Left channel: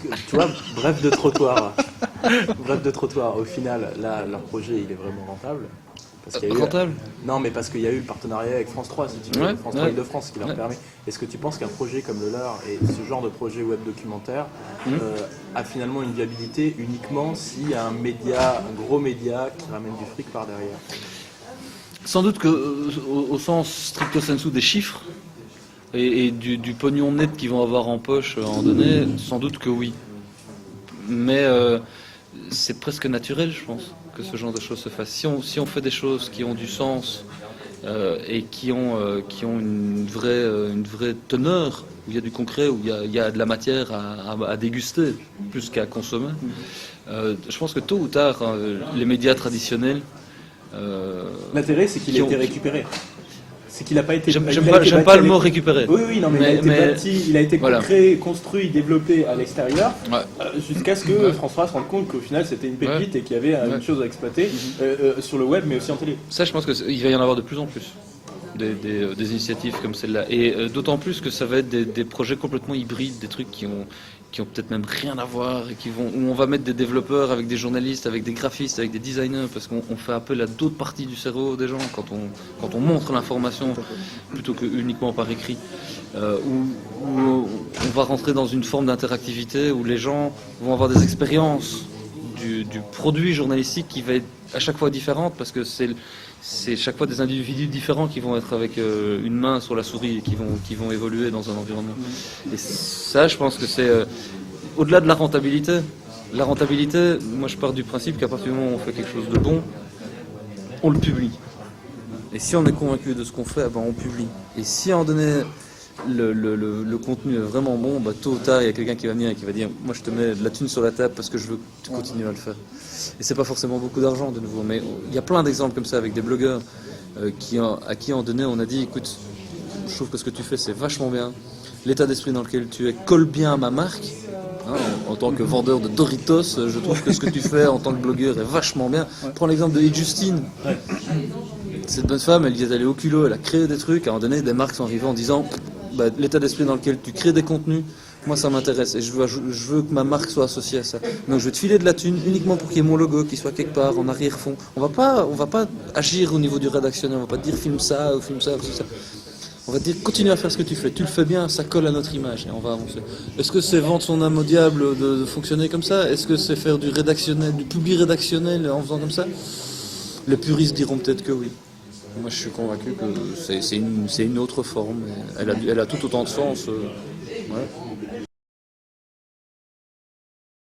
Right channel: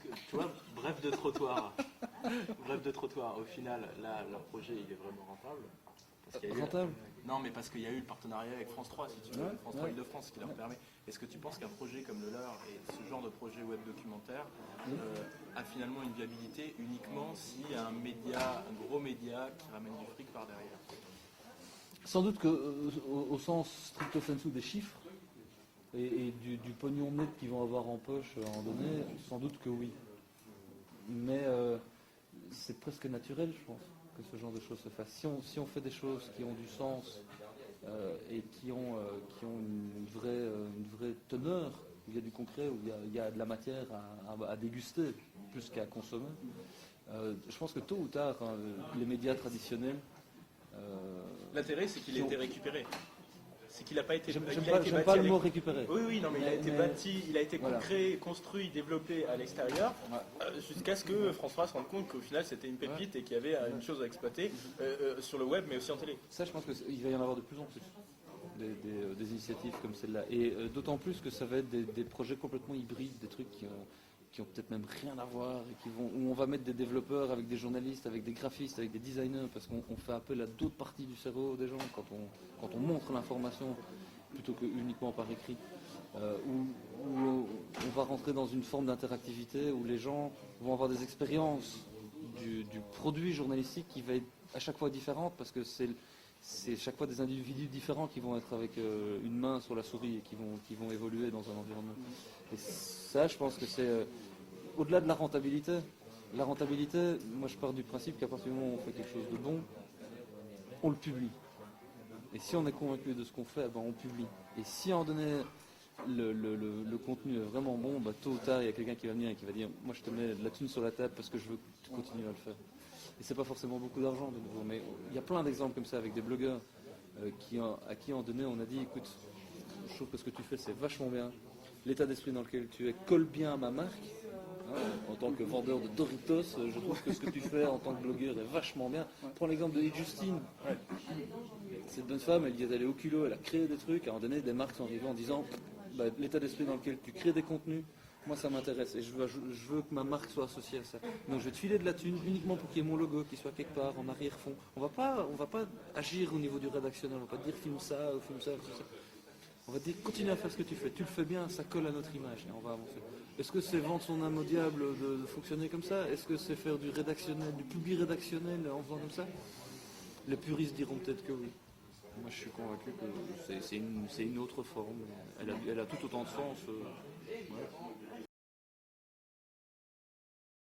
tu vois, bref de trottoir. Bref de trottoir. Au final, là, leur projet, il est vraiment rentable. Parce qu'il y a eu... Rentable? Non, mais parce qu'il y a eu le partenariat avec France 3, si tu veux, Ouais, France 3 ouais. Île-de-France, qui leur Ouais. permet. Est-ce que tu penses qu'un projet comme le leur et ce genre de projet web documentaire a finalement une viabilité uniquement s'il y a un média, un gros média qui ramène du fric par derrière? Sans doute que, au sens stricto sensu des chiffres et du pognon net qu'ils vont avoir en poche en donné, sans doute que oui. Mais c'est presque naturel, je pense, que ce genre de choses se fasse. Si on fait des choses qui ont du sens et qui ont une vraie teneur, où il y a du concret, où il y a de la matière à déguster, plus qu'à consommer, je pense que tôt ou tard, les médias traditionnels... L'intérêt, c'est qu'il a été récupéré. C'est qu'il n'a pas été. J'aime pas le mot récupérer. Oui, non, mais il a été voilà. créé, construit, développé à l'extérieur, Ouais. jusqu'à ce que François se rende compte qu'au final c'était une pépite et qu'il y avait une chose à exploiter sur le web, mais aussi en télé. Ça, je pense qu'il va y en avoir de plus en plus. Des initiatives comme celle-là. Et d'autant plus que ça va être des projets complètement hybrides, des trucs qui ont peut-être même rien à voir, et où on va mettre des développeurs avec des journalistes, avec des graphistes, avec des designers, parce qu'on fait appel à d'autres parties du cerveau des gens quand on montre l'information plutôt que uniquement par écrit. Où on va rentrer dans une forme d'interactivité où les gens vont avoir des expériences du produit journalistique qui va être à chaque fois différente, parce que c'est chaque fois des individus différents qui vont être avec une main sur la souris et qui vont évoluer dans un environnement. Et ça, je pense que c'est au-delà de la rentabilité. La rentabilité, moi je pars du principe qu'à partir du moment où on fait quelque chose de bon, on le publie. Et si on est convaincu de ce qu'on fait, ben on publie. Et si à un moment donné, le contenu est vraiment bon, bah, tôt ou tard, il y a quelqu'un qui va venir et qui va dire « Moi je te mets de la thune sur la table parce que je veux que tu continues à le faire ». Et c'est pas forcément beaucoup d'argent de nouveau, mais il y a plein d'exemples comme ça avec des blogueurs à qui en donné on a dit écoute, je trouve que ce que tu fais c'est vachement bien, l'état d'esprit dans lequel tu es colle bien à ma marque, hein, en tant que vendeur de Doritos, je trouve que ce que tu fais en tant que blogueur est vachement bien. Prends l'exemple de Justine. Cette bonne femme, elle y est allée au culot, elle a créé des trucs, à un moment donné des marques sont arrivées en disant bah, l'état d'esprit dans lequel tu crées des contenus, moi ça m'intéresse et je veux que ma marque soit associée à ça. Donc je vais te filer de la thune uniquement pour qu'il y ait mon logo qui soit quelque part en arrière-fond. On va pas agir au niveau du rédactionnel, on va pas te dire filme ça ou filme ça ou ça. On va te dire continue à faire ce que tu fais, tu le fais bien, ça colle à notre image et on va avancer. Est-ce que c'est vendre son âme au diable de fonctionner comme ça? Est-ce que c'est faire du rédactionnel, du public rédactionnel en faisant comme ça? Les puristes diront peut-être que oui. Moi je suis convaincu que c'est une autre forme, elle a tout autant de sens. Ouais.